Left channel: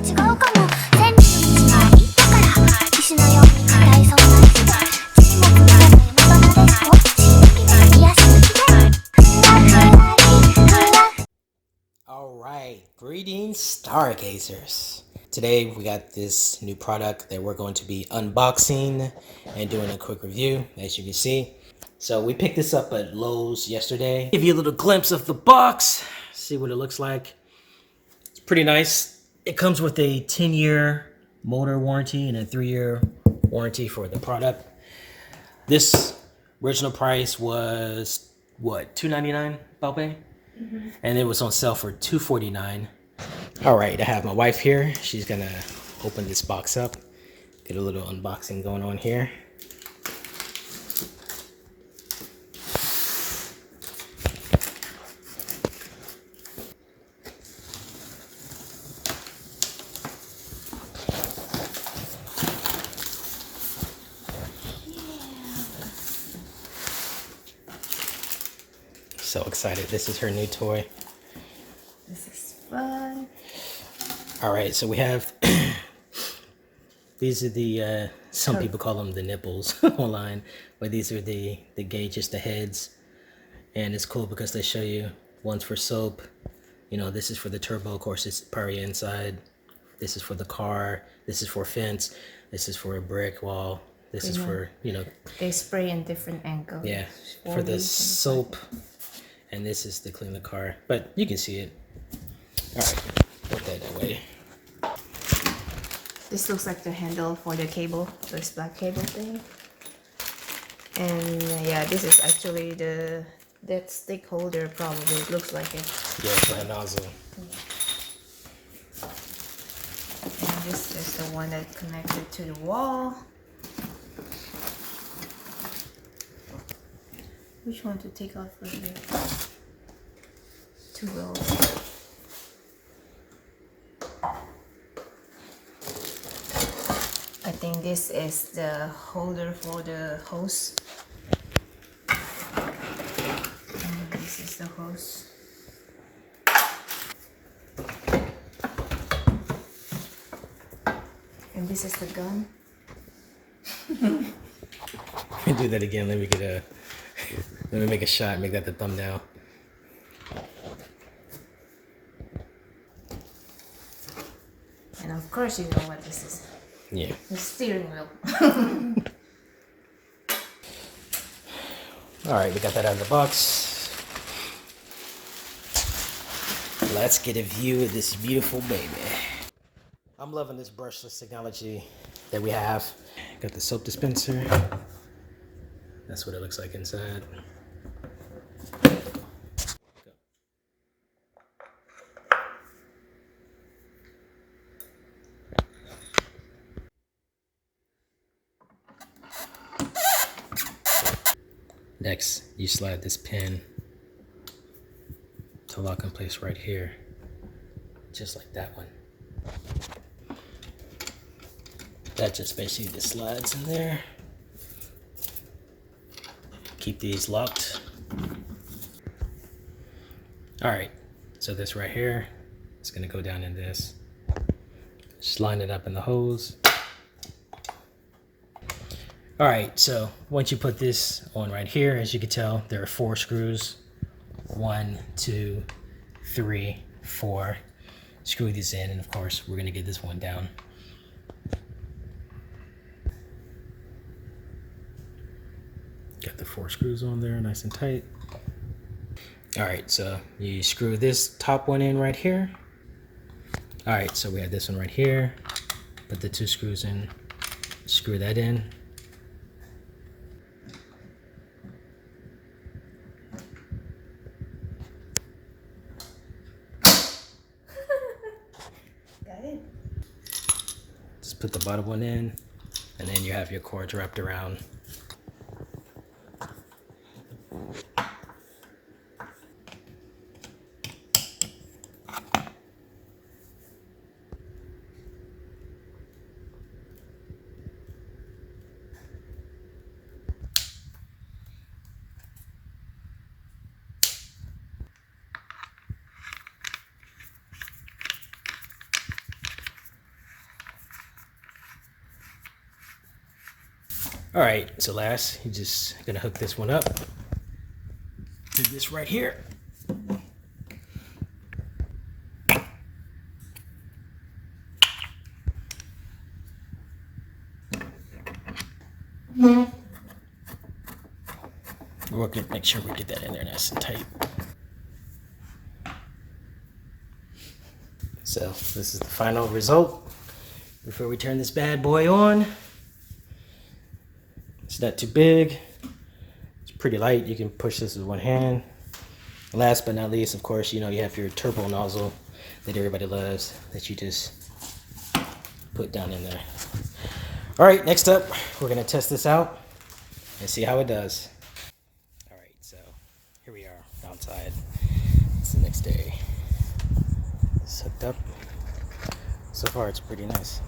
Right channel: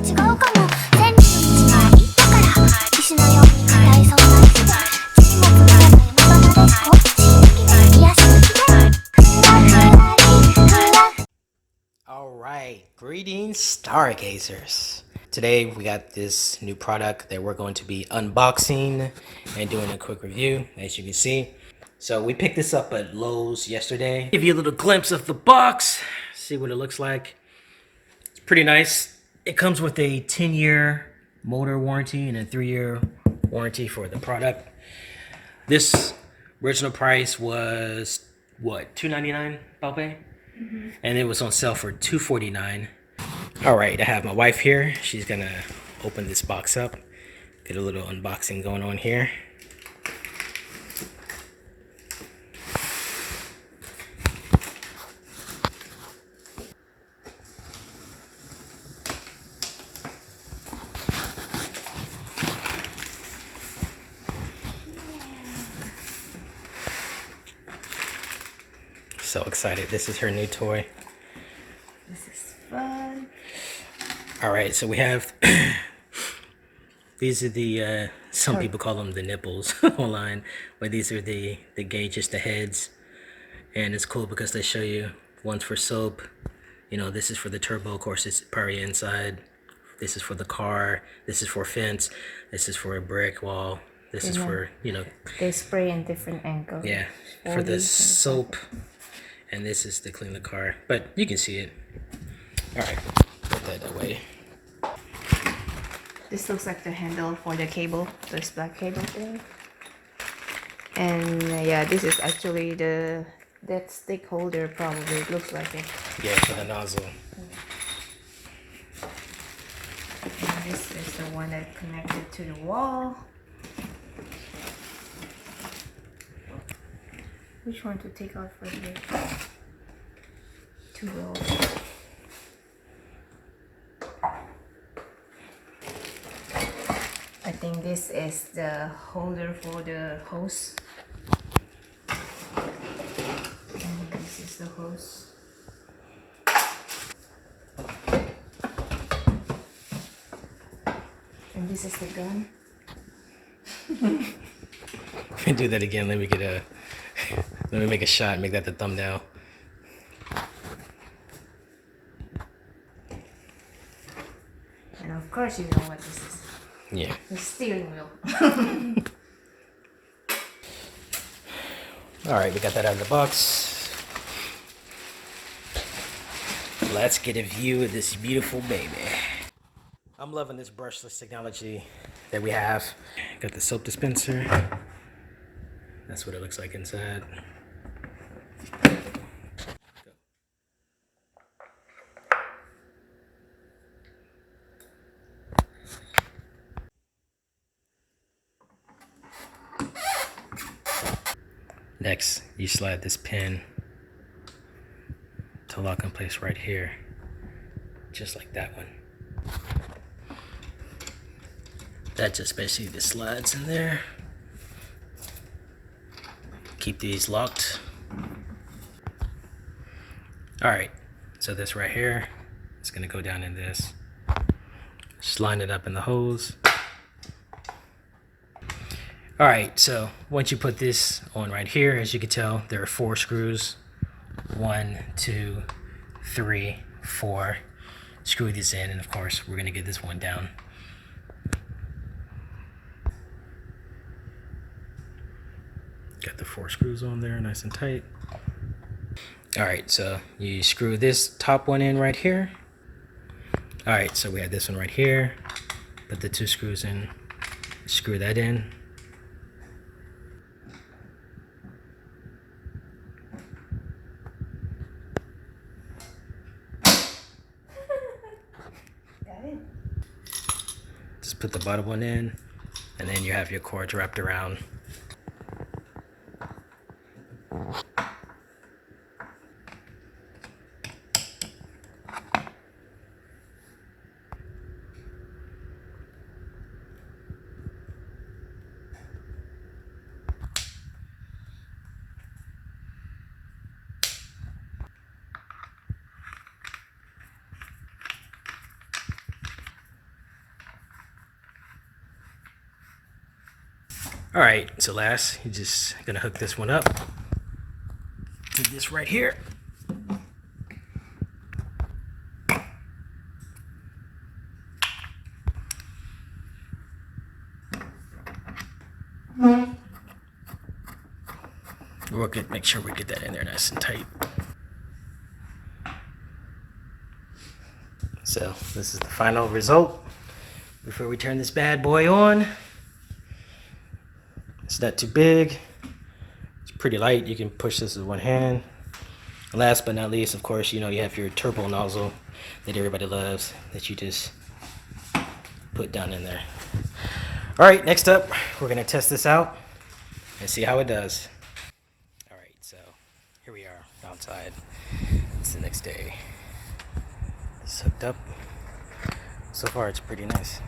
違うかも千里の道が言ったから騎士のように硬いそうな気が沈黙が山場なでしこ刺激で癒し抜きでふわふわりふわ。 Alright, greetings stargazers. Today we got this new product that we're going to be unboxing and doing a quick review, as you can see. So we picked this up at Lowe's yesterday. Give you a little glimpse of the box, see what it looks like. It's pretty nice. It comes with a 10-year motor warranty and a 3-year warranty for the product. This original price was what, $2.99, Balpe? And it was on sale for $2.49. All right, I have my wife here. She's gonna open this box up, get a little unboxing going on here. So excited. This is her new toy. This is fun. All right, so we have these are the some people call them the nipples online, but these are the gauges, the heads, and it's cool because they show you one's for soap. You know, this is for the turbo, of course, it's probably inside. This is for the car. This is for fence. This is for a brick wall. This is for, you know, They spray in different angles. yeah, for the soap, and this is to clean the car. But you can see it. All right, put that away. This looks like the handle for the cable, this black cable thing. And yeah, this is actually that stick holder probably. It looks like it. Yeah, for the nozzle. And this is the one that connected to the wall. Which one to take out for here? Two rolls. I think this is the holder for the hose. And this is the hose. And this is the gun. Do that again. Let me get a. Let me make a shot. Make that the thumbnail. And of course you know what this is. Yeah. The steering wheel. All right, we got that out of the box. Let's get a view of this beautiful baby. I'm loving this brushless technology that we have. Got the soap dispenser. That's what it looks like inside. Next, you slide this pin to lock in place right here, just like that one. That just basically just slides in there. Keep these locked. All right, so this right here is gonna go down in this. Just line it up in the hose. All right, so once you put this on right here, as you can tell, there are 4 screws. 1, 2, 3, 4. Screw these in, and of course, we're gonna get this one down. Got the 4 screws on there, nice and tight. All right, so you screw this top one in right here. All right, so we have this one right here. Put the 2 screws in, screw that in. Just put the bottom one in, and then you have your cords wrapped around. All right, so last, you're just gonna hook this one up to this right here. We'll make sure we get that in there nice and tight. So this is the final result before we turn this bad boy on. It's not too big. It's pretty light. You can push this with one hand. Last but not least, of course, you have your turbo nozzle that everybody loves that you just put down in there. All right, next up, we're gonna test this out and see how it does. All right, so here we are outside. It's the next day. It's hooked up. So far, it's pretty nice.